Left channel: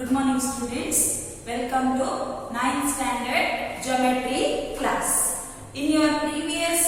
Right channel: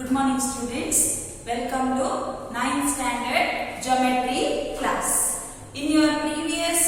Good morning students. Welcome to 9th standard geometry class. In your previous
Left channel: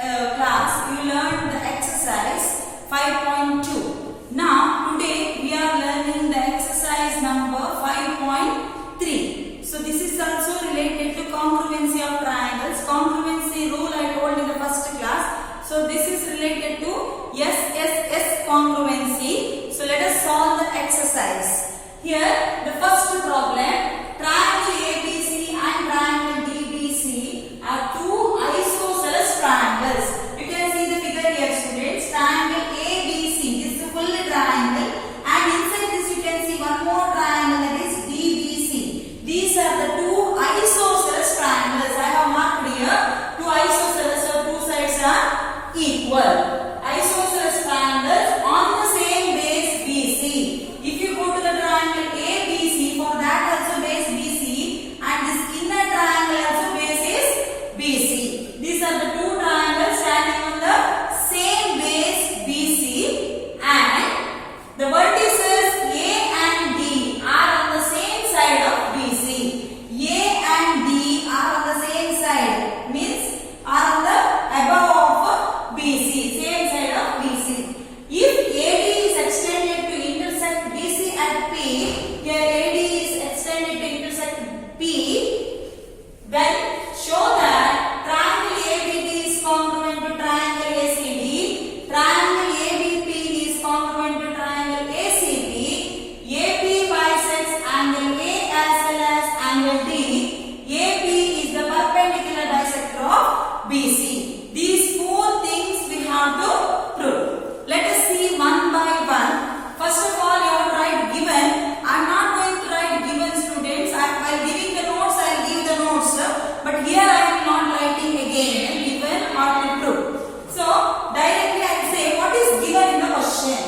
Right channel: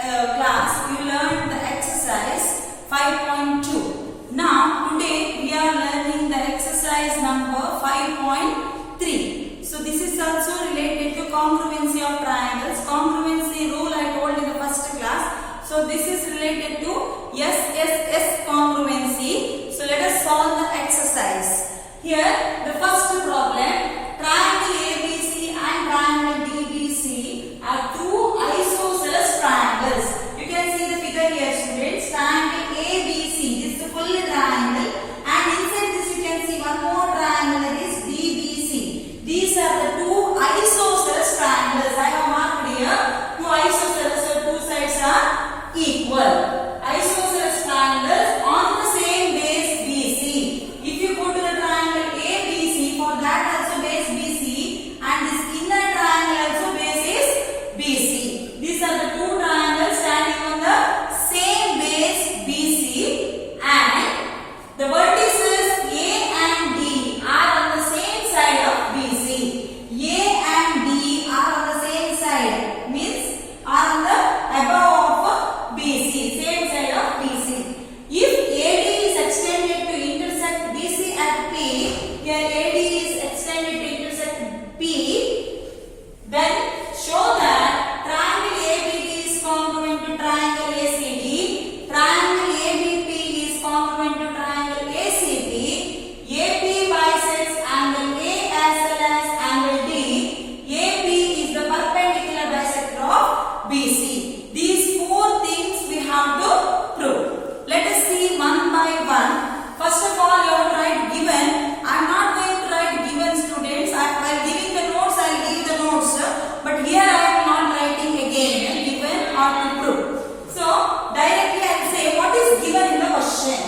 class you learned the exercise 5.2. Now today we are learning the exercise number 5.3. So this is also related to congruency of triangles. Congruency rule I told in the first class. So this is related to SSS congruency. So let us solve the exercise. Here the first problem, triangle ABC and triangle DBC are two isosceles triangles. You can see the figure here students. Triangle ABC, this is the full triangle, and inside this you can see one more triangle, that is DBC. These are the two isosceles triangles. I have marked here two isosceles, so two sides are equal. Isosceles triangles on the same base BC. If you go to the triangle ABC, for that also base BC, and this inner triangle also base is BC. These are the two triangles standing on the same base BC, and the vertices A and D are on the same side of BC. A and D are on the same side, means are on the above of BC, same side of BC. If AD is extended to intersect BC at P, here AD is extended to intersect P, then show that triangle ABD is congruent to triangle ACD, triangle ABP is congruent to triangle ACP, AP bisects angle A as well as angle D, AP is the perpendicular bisector of BC. These four things we have to prove. Let us see one by one. First of all, you have to write given. I am not going to write given students. While giving the notes, I will give the notes. But here I am not writing again given or to prove. So, directly I will say what is given in the question.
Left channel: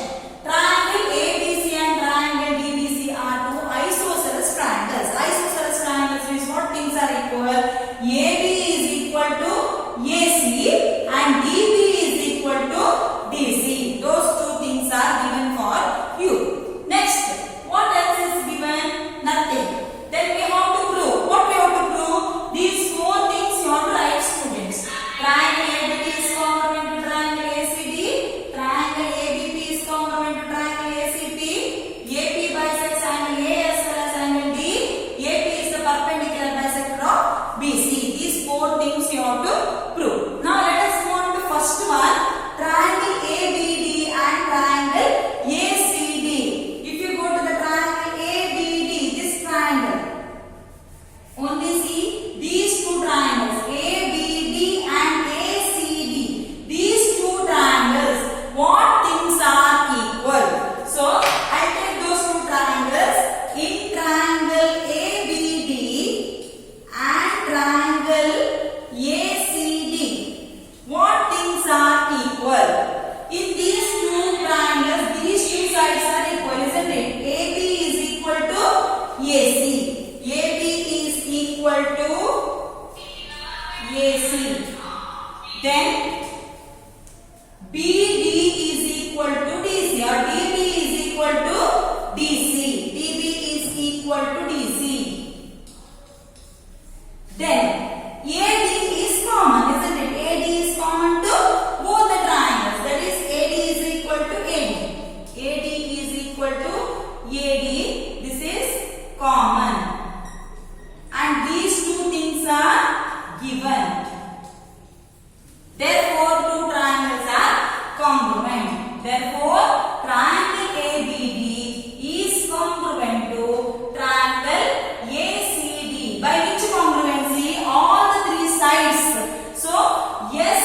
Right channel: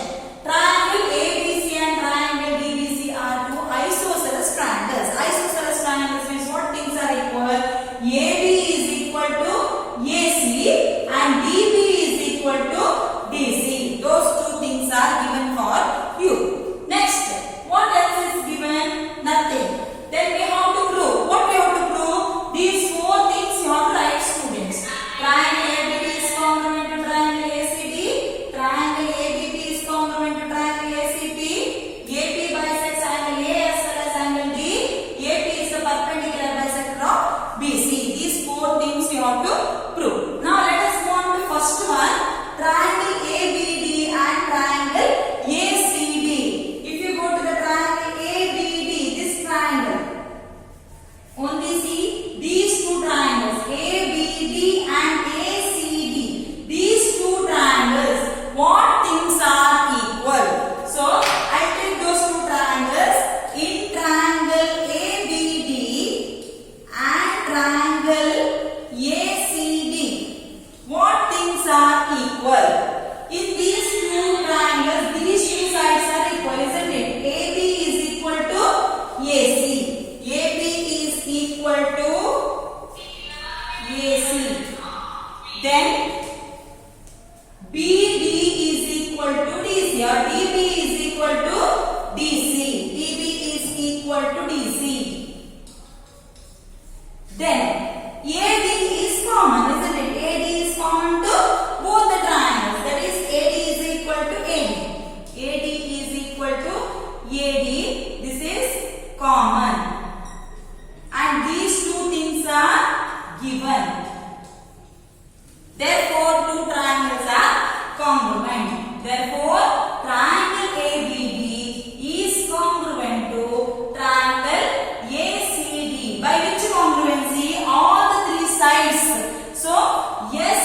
Triangle ABC and triangle DBC are two isosceles triangles. Isosceles triangles means what things are equal? AB is equal to AC and DB is equal to DC. Those two things are given for you. Next, what else is given? Nothing. Then we have to prove. What we have to prove? These four things you have to write students. Triangle ABD is congruent to triangle ACD. Triangle ABP is congruent to triangle ACP. AP bisects angle A as well as angle D. AP is the perpendicular bisector of BC. These four things you have to prove. Now let us go on to first one. Triangle ABD and triangle ACD. If you go to the triangle ABD, this triangle, only see these two triangles ABD and ACD. These two triangles, what things are equal? So I take those two triangles. In triangle ABD and triangle ACD, what things are equal? In these two triangles, these two sides are equal, isn't it? AB is equal to AC. AB is equal to AC. Then BD is equal to DC, or DB is equal to DC. DB is equal to DC. Then AD is common, isn't it? AD is common to both the triangles. That is AD is equal to AD. AD is equal to AD. This is common. And these two things are given. Therefore, two triangles are congruent. Therefore, triangle ABD is congruent to triangle ACD. By which congruency? All the three sides. So, yes,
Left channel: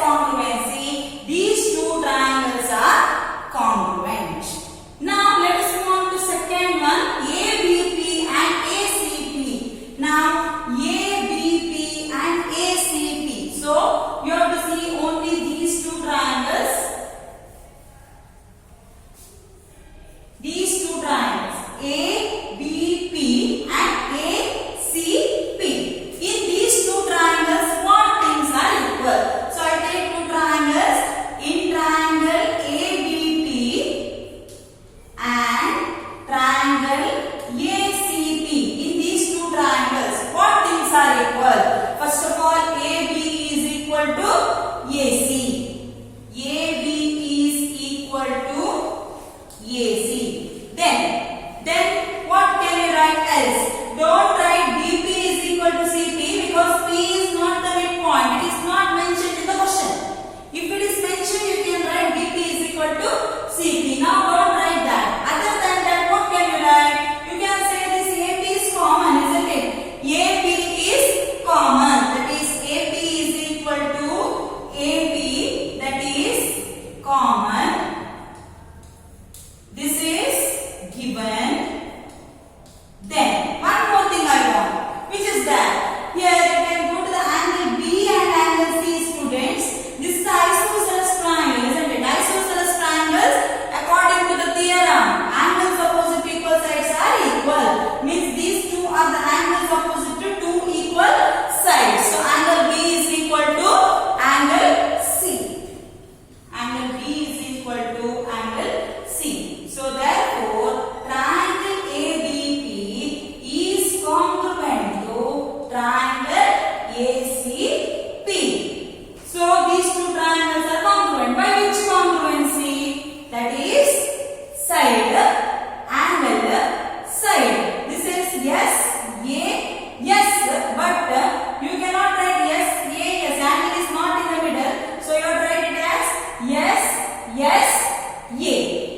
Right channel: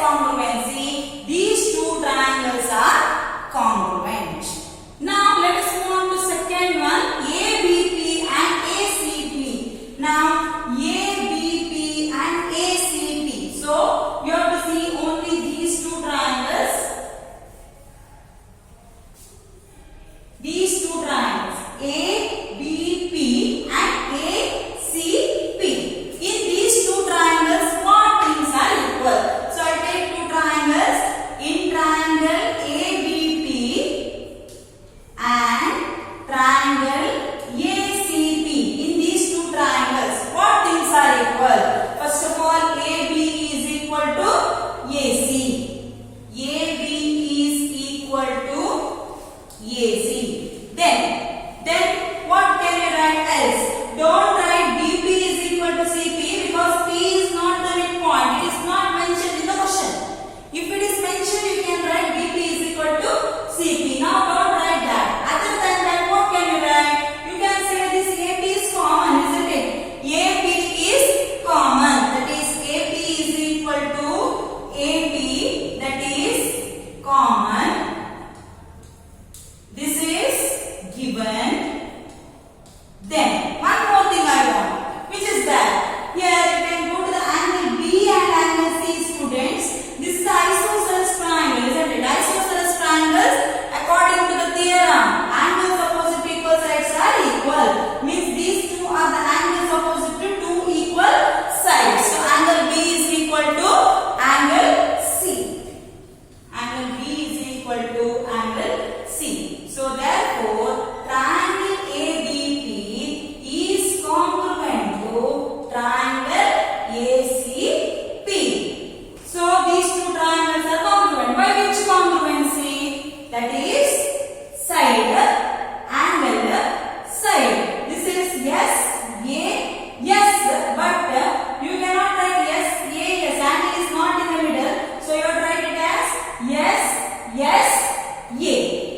congruency. These two triangles are congruent. Now, let us move on to second one.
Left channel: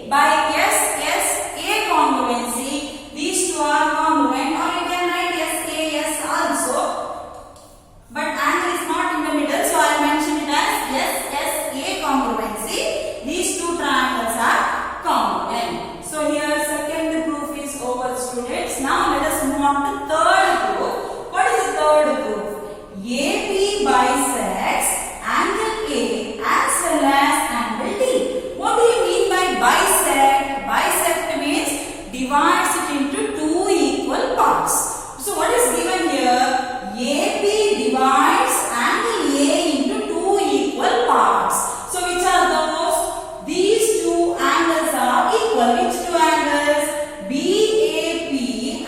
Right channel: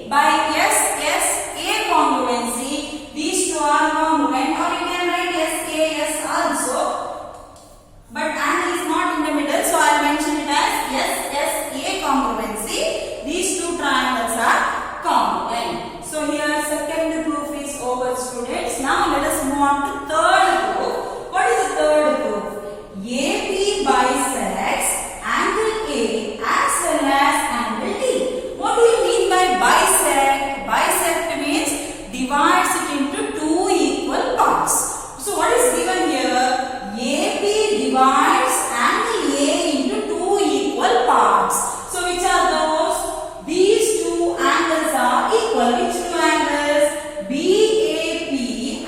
by SSA congruency, these two are congruent, or you can write SAS also. But angle is not in the middle, so I will mention it as SSA congruency. These two triangles are congruent. So here second proof is over, students. Now let us move on to third proof. What is the third proof? AP bisects angle A as well as angle D. What do you mean by bisect? Bisect means divides it into two equal parts. So what is given here? AP divides angle A into two equal parts. So which are those? These two angles are equal. Which two angles? BAP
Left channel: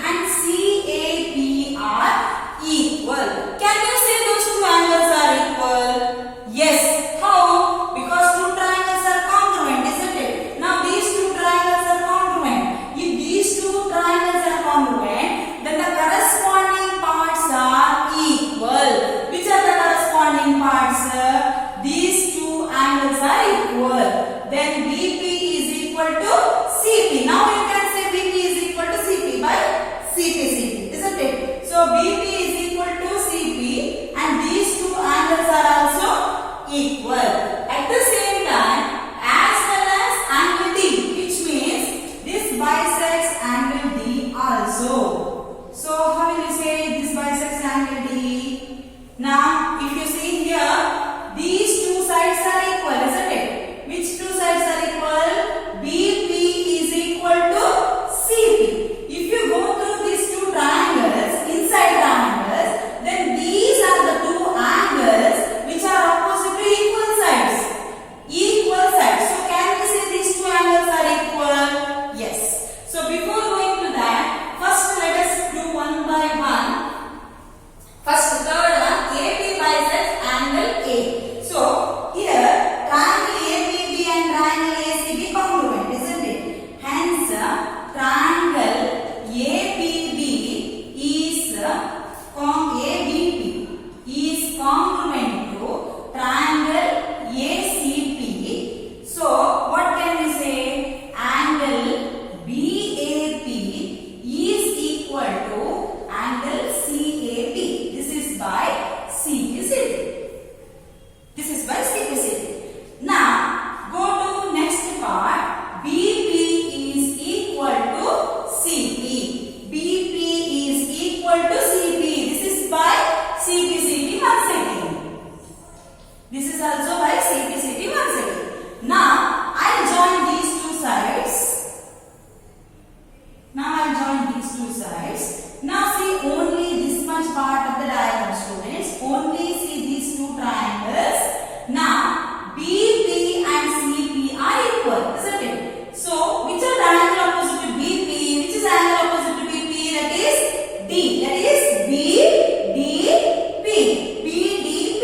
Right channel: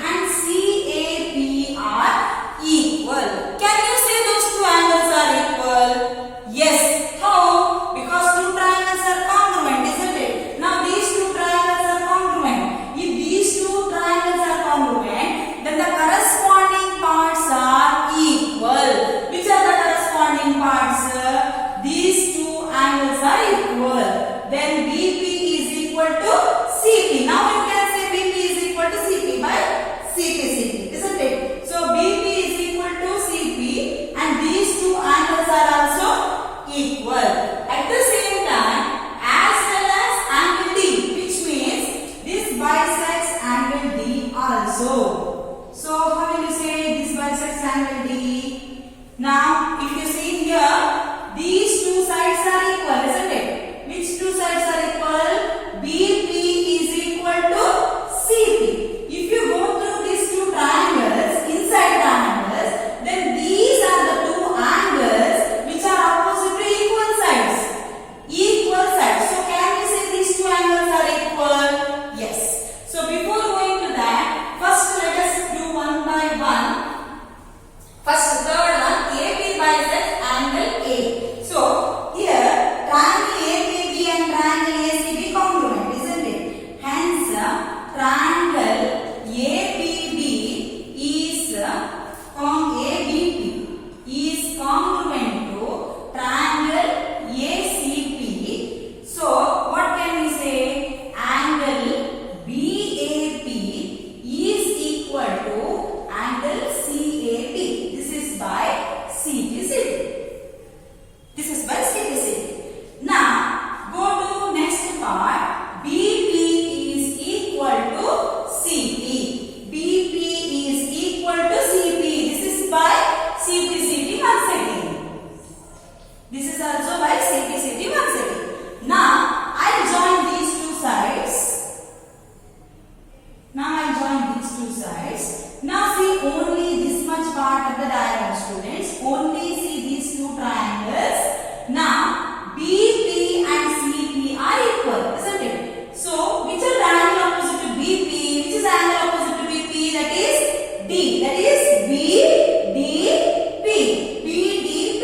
and CAP are equal. Can you say those two angles are equal? Yes. How? Because two triangles are congruent, isn't it? Now these two triangles are congruent. If these two triangles are congruent, then the corresponding parts are equal. Which are the corresponding parts? These two angles are equal. Then BP is equal to CP. Now you can say BP is equal to CP by CP, isn't it? So BP is equal to CP and these two angles are also equal. At the same time, as well as angle D, which means this bisects angle D also. So how will you say this bisects angle D? Now if you see here, these two sides are equal, isn't it? Which two sides are equal? BP is equal to CP. If you go through these two triangles, inside triangles, then these are the two angles which are opposite to equal sides. Equal sides. So can we say these two angles are equal? Yes. So before going to that, first let us do one by one. First, the third one, AP bisects angle A. So here, triangle ABB and triangle ACB congruent, isn't it? Hence, triangle ABB is congruent to triangle ACP. So what can we say? Angle BAP is equal to angle CAP. This is by CPC. This is by CPC. Now go to next part. BP is equal to CP. BP is equal to CP. This is by CPCT once again. This is also by CPCT once again. Now I join these two sides. Now see only this much part of the diagram, students. Only see these two triangles. Now BP and CP are equal, isn't it? So which is the angle opposite to BP? Which is the angle opposite to BP? That is D. That is BDP. BDP.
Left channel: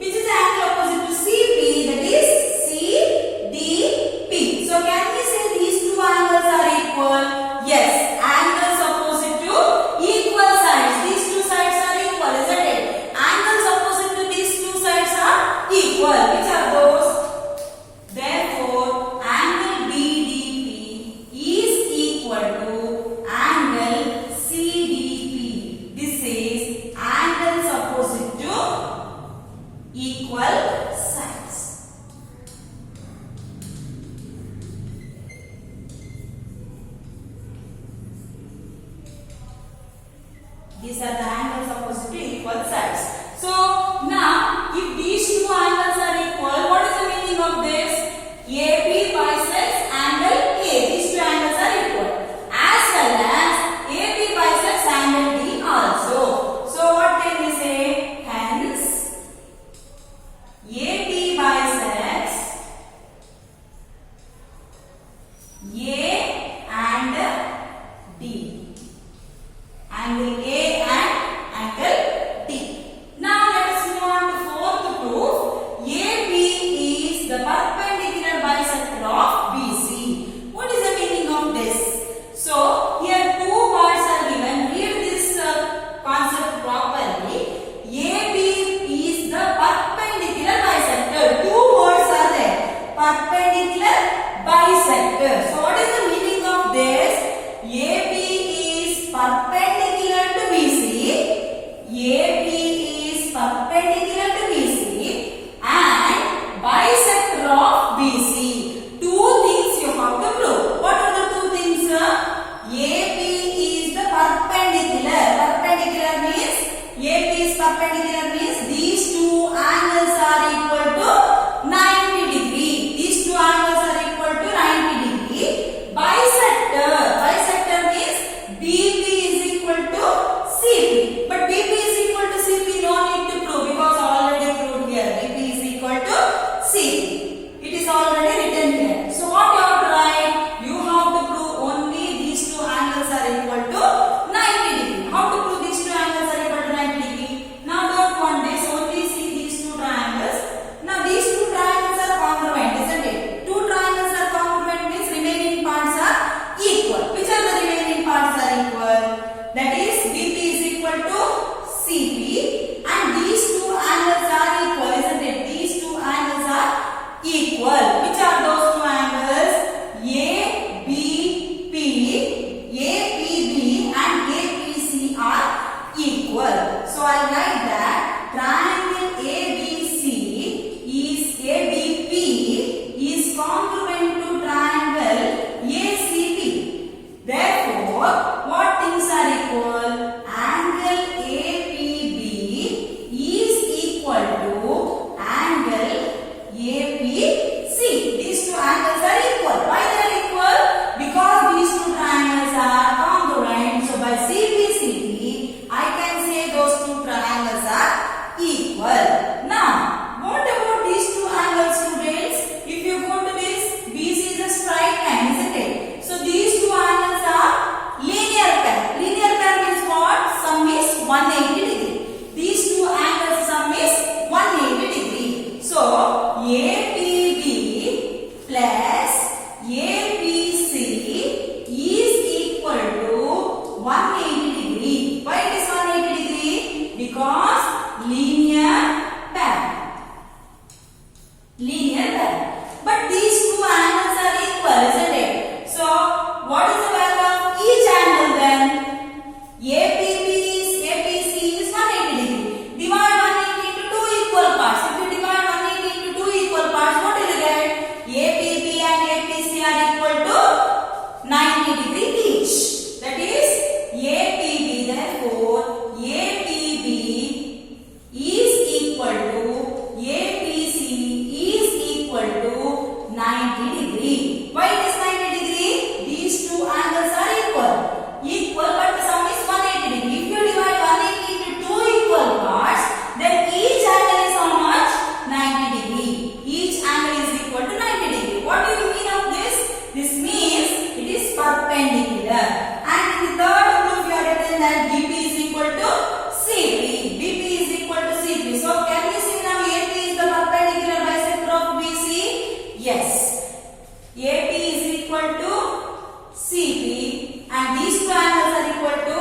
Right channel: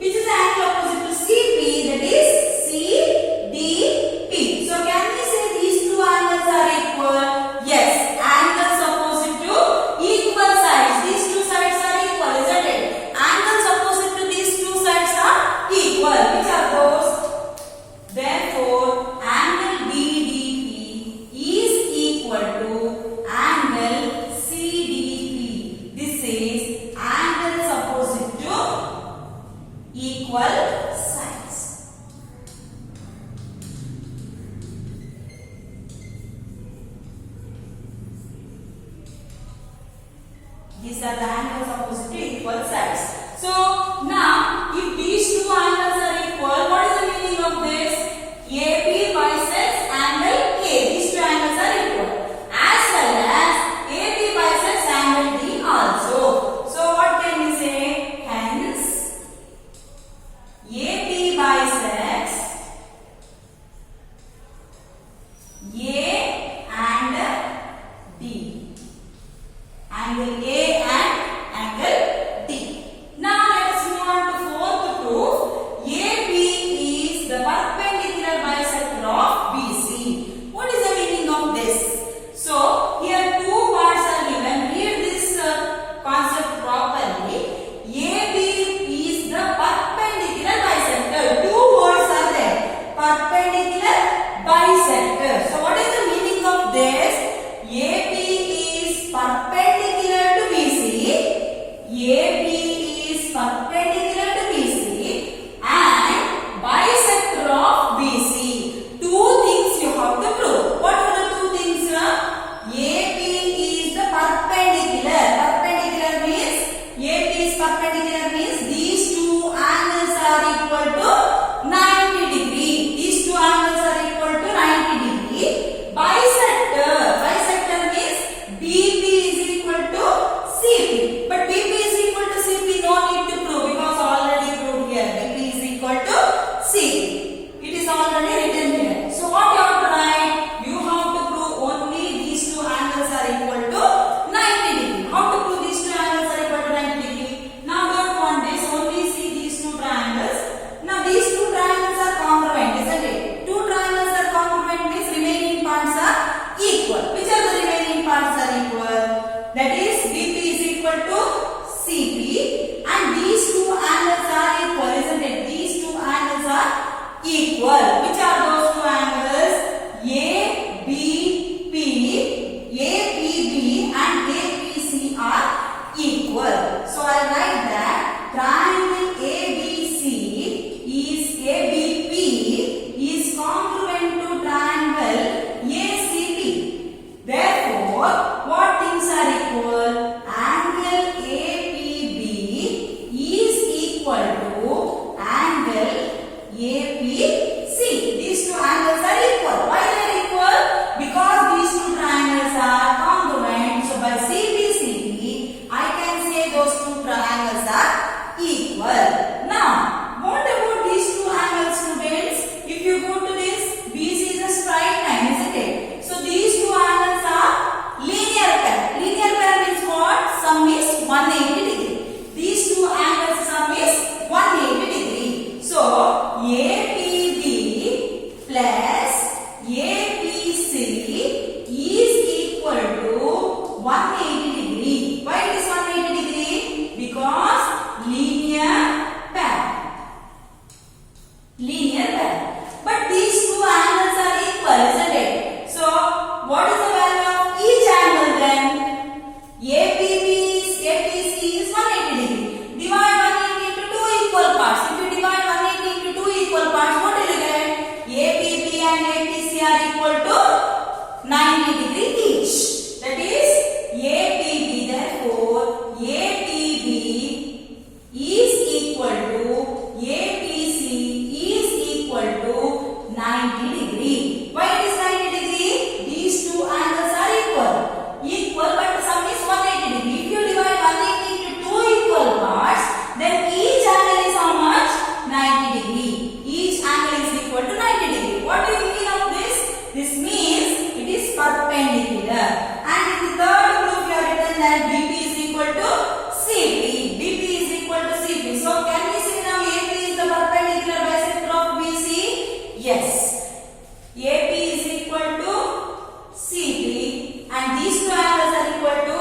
Which is the angle opposite to CP? That is CDP. So can we say these two angles are equal? Yes. Angles opposite to equal sides. These two sides are equal, isn't it? Angles opposite to these two sides are equal. Which are those? Therefore, angle BDP is equal to angle CDP. This is angles opposite to equal sides. These are the angles opposite to equal sides. So now, if these two angles are equal, what is the meaning of this? AP bisects angle A. These two angles are equal. As well as AP bisects angle D also. So what can we say? Hence, AP bisects A and D. Angle A and angle D. Now let us move on to fourth proof. AP is the perpendicular bisector of BC. What is the meaning of this? So here two parts are given. Read this concept properly. AB is the perpendicular bisector. Two words are there. Perpendicular bisector. equal. That is BP is equal to CP, and these two angles are equal, isn't it? These two angles are equal. Which are those two angles? ABP, APB and APC are equal. So I write that triangle ABC is ABP is congruent to triangle ACB. Therefore, what things are equal? Angle APB is equal to angle APC. These two angles are equal. Why they are equal? Because these two triangles are congruent. So by CBCD, I can say those two triangles are equal. Now, what about these two angles, students? If you go to this, BC is a straight line, isn't it? So these two angles are linear pair. Linear pair means what? Sum is 180 degree. These two angles sum is 180 degree. So APB plus APC is equal to 180 degree. Why it is 180 degree? Because linear pair. Linear pair. But these two angles are equal, isn't it? So what is the value of each angle then? APC is 180 degree. Divide 180 into two equal parts. If you divide 180 into two equal parts, what will you get? APB and APC are equal to 90 degree each. That is APB. Therefore, APB is equal to APC is equal to 90 degree. Why it is 90 degree? These two angles are equal. Equal, but the sum is 180 degree. If you divide 180 into two equal parts, then each angle is how much? 90 degree. Each angle is equal to 90 degree. What do you mean of this? This means it is perpendicular. And in the third proof you have written that BP is equal to CP. BP is equal to CP. So can we see now AP is the perpendicular bisector of BC? Yes. AP is equal to CP and these two angles are equal to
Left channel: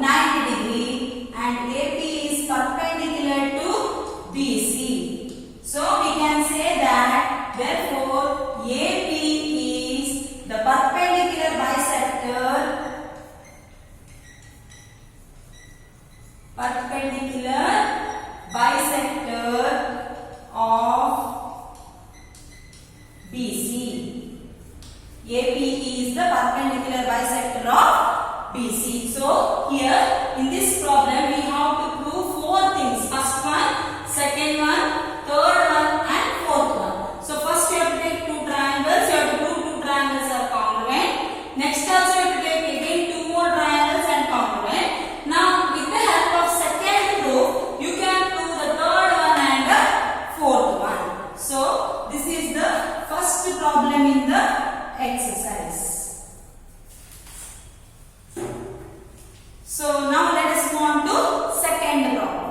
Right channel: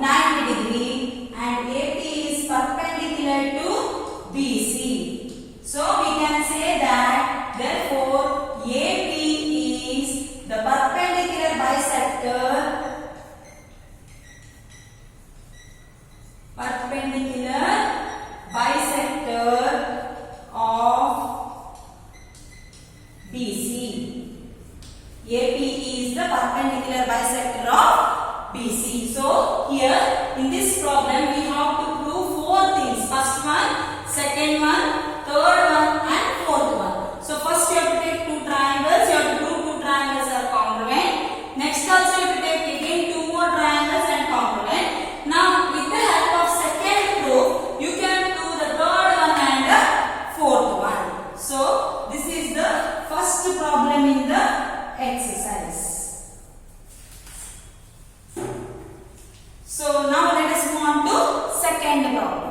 90 degree and AP is perpendicular to BC. So we can say that therefore AP is the perpendicular bisector of BC. AP is the perpendicular bisector of BC. So here in this problem we have to prove four things. First one, second one, third one and fourth one. So first you have to take two triangles. You have to prove two triangles are congruent. Next also you have to take again two more triangles and congruent. Now with the help of second proof you can prove the third one and the fourth one. So this is the first problem in the exercise. So now let us move on to second problem.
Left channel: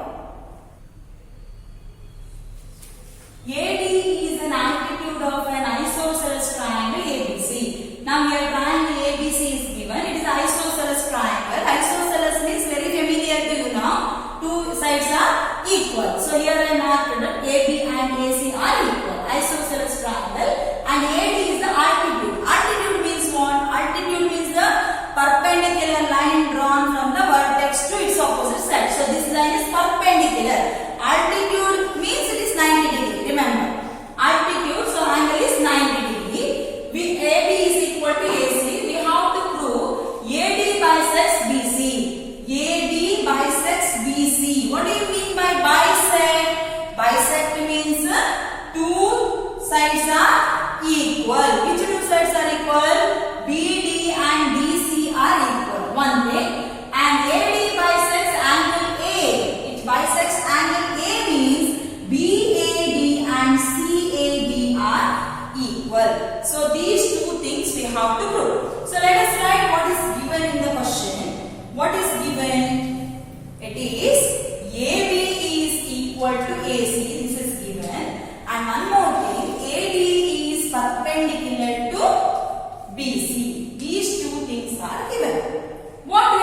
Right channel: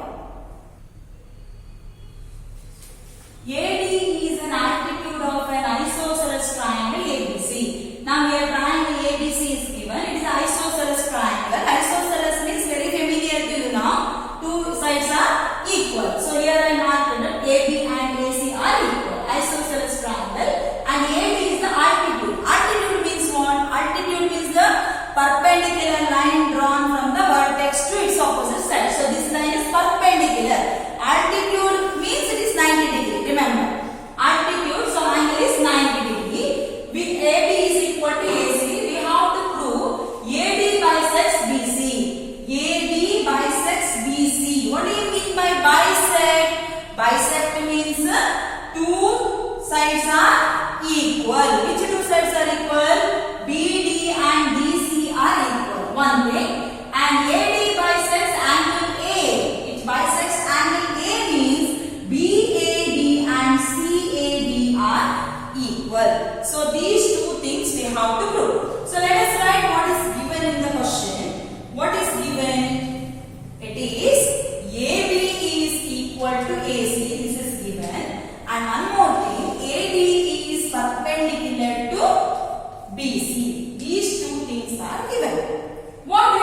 AD is an altitude of an isosceles triangle ABC. Now here triangle ABC is given. It is an isosceles triangle. Isosceles means very familiar to you now. Two sides are equal. So here I marked that AB and AC are equal. Isosceles triangle. And AD is the altitude. Altitude means what? Altitude means the perpendicular line drawn from the vertex to its opposite side. So this line is perpendicular. Altitude means it is 90 degree. Remember, altitude, so angle is 90 degree. With AB is equal to AC, we have to prove AD bisects BC. AD bisects BC. What do you mean by bisect? Bisect means two sides are equal. Which two sides are equal? BD and DC are equal. One thing. And AD bisects angle A. It bisects angle A means BAD and CAD are equal. So these two things we have to prove. So let us write what is given in the question. What is given? It is AB is equal to AC. This is given. And one more thing, AD is perpendicular to BC. These two things are given. What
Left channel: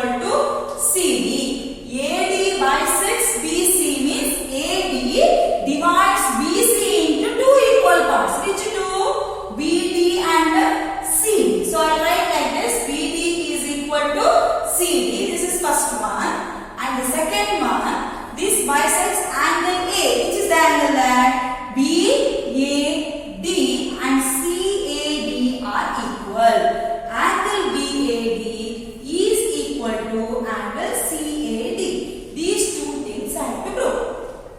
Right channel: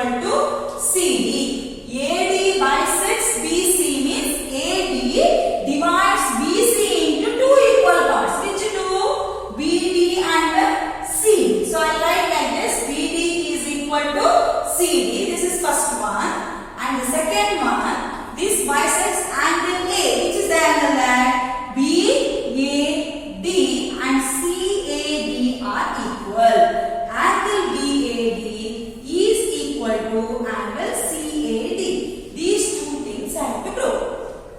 equal to CD. AD bisects BC means AD divides BC into two equal parts. Which two? BD and CD. So I write like this: BD is equal to CD. This is first one. And the second one, this bisects angle A, which is the angle that BAD and CAD are equal. Angle BAD is equal to angle CAD. These two things I have to prove.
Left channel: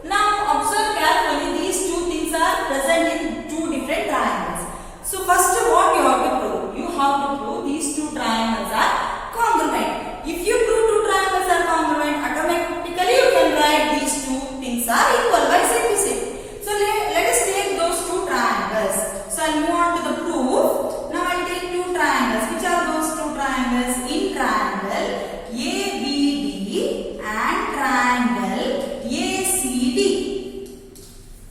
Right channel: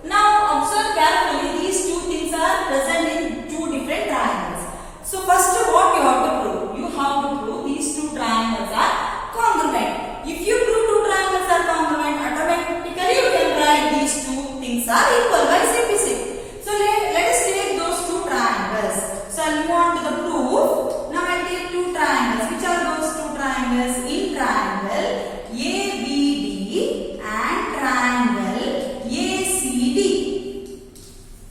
Now observe carefully, these two things are present in two different triangles. So first what you have to prove? You have to prove these two triangles are congruent. If you prove two triangles are congruent, automatically you can write these two things are equal by simplicity. So let us take those two triangles. So I'll move on to the proof. Now I'll take two triangles. Which are those two triangles? In triangle ABD and triangle ACD.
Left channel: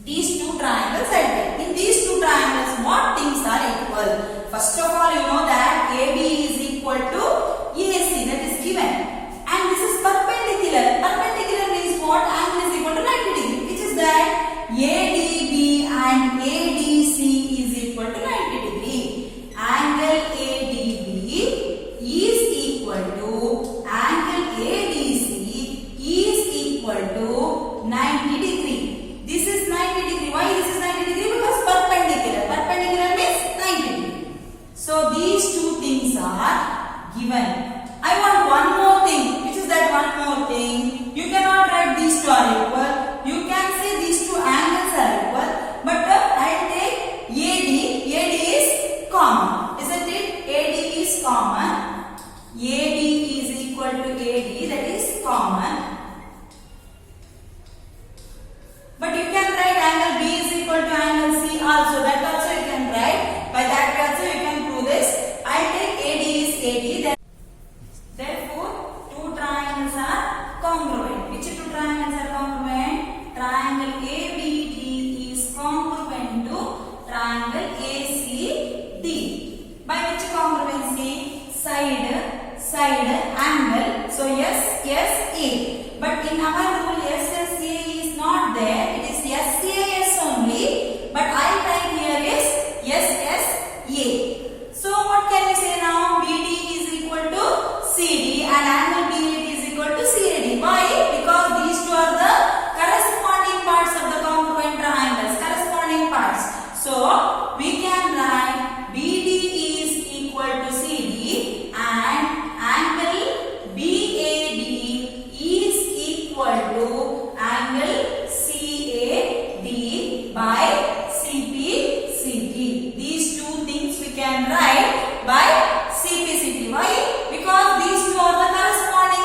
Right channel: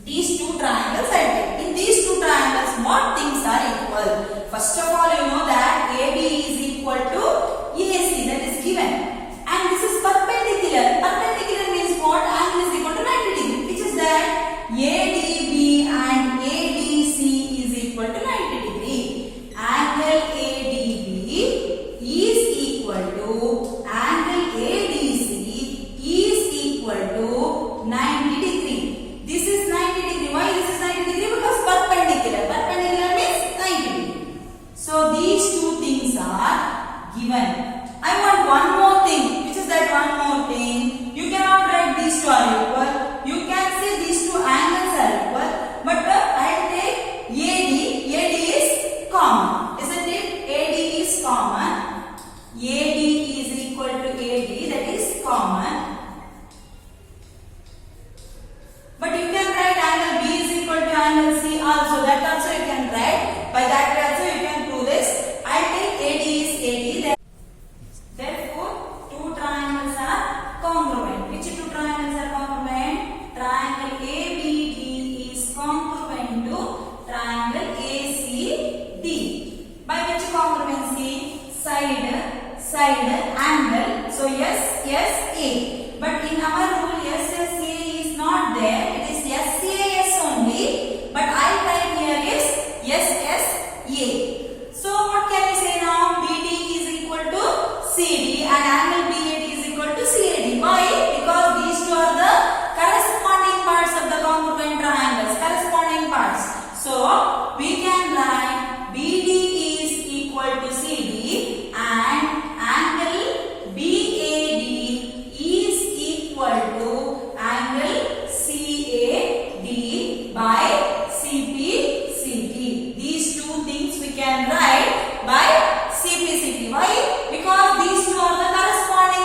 These two triangles I take. In these two triangles, what things are equal? First of all, you know that AB is equal to AC, that is given. And this is perpendicular. Perpendicular means what? Angle is equal to 90 degree. Which is that? ADB and ADC is equal to 90 degree. Angle ADB is equal to angle ADC is equal to 90 degree. This is 90 degree. Why this is 90 degree? Because perpendicular. Perpendicular means 90 degree. So these two things are given. I want one more thing. Which is that one more thing? You cannot write these two are equal. You can say these two angles are equal. But I'll take AD. AD is common. Isn't it? AD is common. AD is equal to AD. That is common. But you can write angle B is equal to angle C also. That also you can write. By that also you can prove this. I'll take AD is AD. Therefore, two triangles are congruent. Which two triangles are congruent? Triangle ABD is congruent to triangle ACD. By which congruency? Side, angle. So SSA. But in our rule, SSA is not there. It is SAS only. But I type here is SSA. So what can we say now? BD is equal to CD and angle BAD is equal to CAD. Why? Because these two are the corresponding parts of the congruent triangles. Corresponding parts. So we can write BD is equal to CD and angle BAD is equal to angle CAD by CPCT. These two things we can write by CPCT. Why? Because these two are the corresponding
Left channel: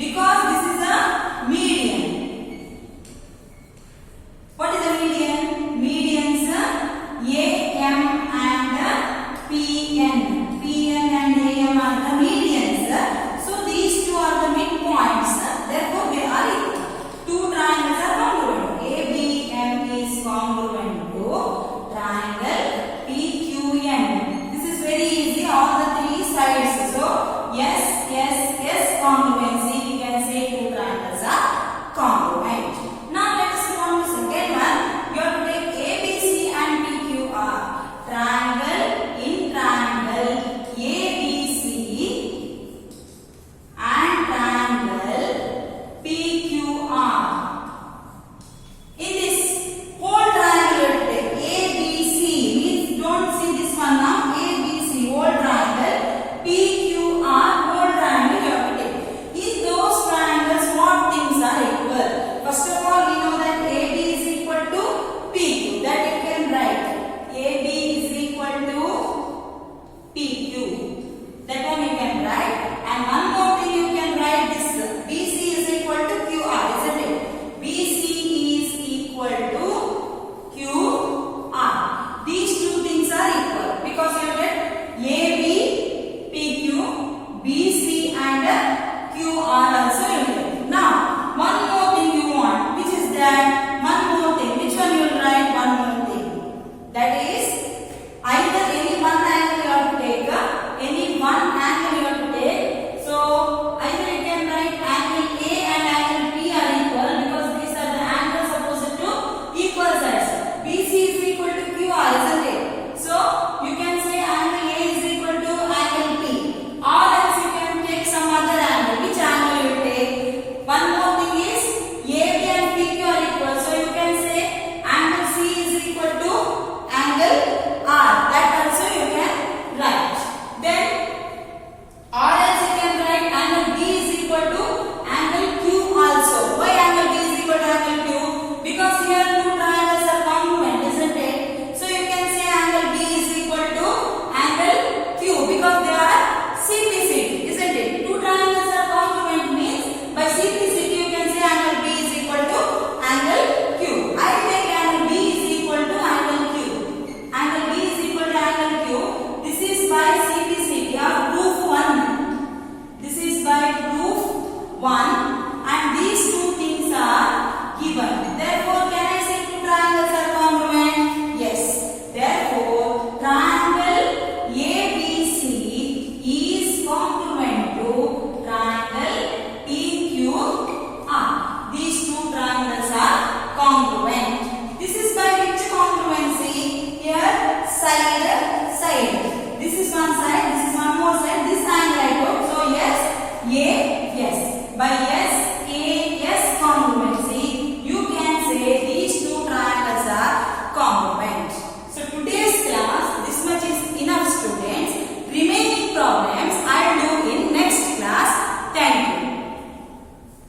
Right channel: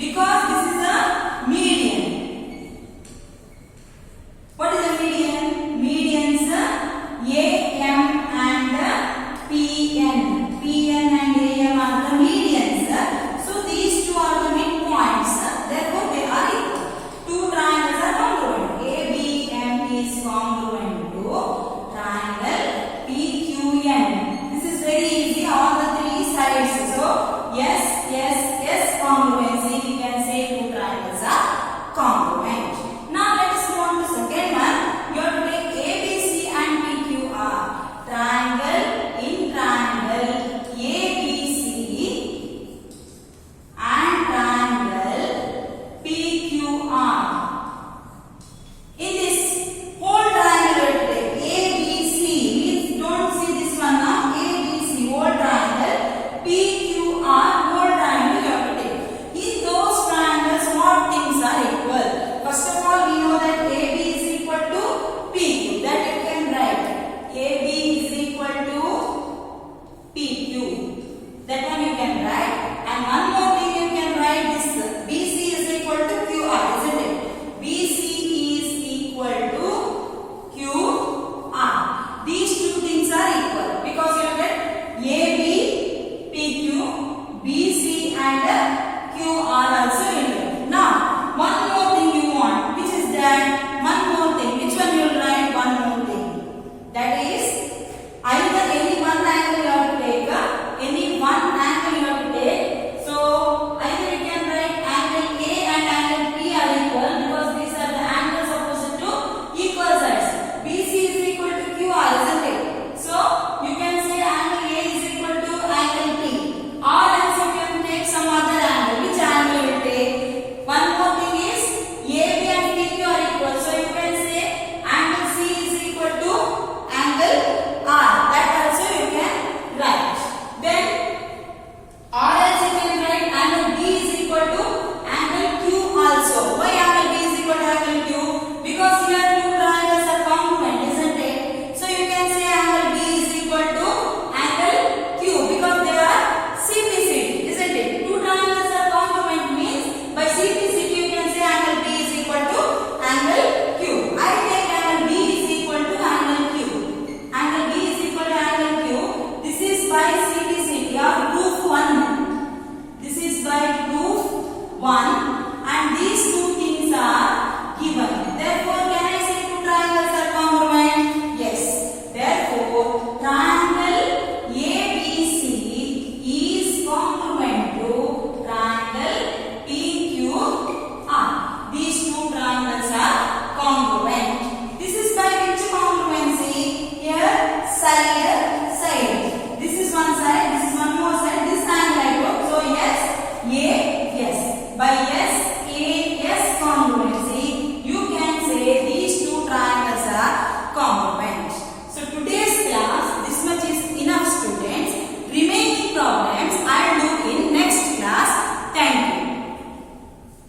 Because this is a median. What is a median? Medians AM and PN. PN and AM are the medians. So these two are the midpoints. Therefore they are equal. Two triangles are congruent. ABM is congruent to triangle PQN. This is very easy. All the three sides. So yes, congruency. We can say two triangles are congruent. Now let us go on to the second one. You have to take ABC and PQR. Triangle in triangle ABC and triangle PQR. In this whole triangle, ABC means don't see this one now. ABC whole triangle, PQR whole triangle you have to take. In those triangles, what things are equal? First of all, we know that AB is equal to PQ. That you can write. AB is equal to PQ. That one you can write. And one more thing you can write this. BC is equal to QR, isn't it? BC is equal to QR. These two things are equal because you get AB, PQ, BC and QR also you get. Now, one more thing you want. Which is that? One more thing. Which one you will write? One more thing. That is either any one angle you have to take. Any one angle you have to take. So, either you can write angle A and angle P are equal because these are the angles opposite to equal sides. BC is equal to QR, isn't it? So, you can say angle A is equal to angle P. Or else you can take some other angle. Which angle you will take? One more thing is AB and PQ are equal. So, you can say angle C is equal to angle R. That also you can write. Then or else you can write angle B is equal to angle Q also. Why angle B is equal to angle Q? Because here two triangles are congruent, isn't it? So you can say angle B is equal to angle Q because they are CPCD, isn't it? Two triangles are congruent means by CPCD you can say angle B is equal to angle Q. I take angle B is equal to angle Q. Angle B is equal to angle Q. This is by CPCD or proof 1. This is by proof 1.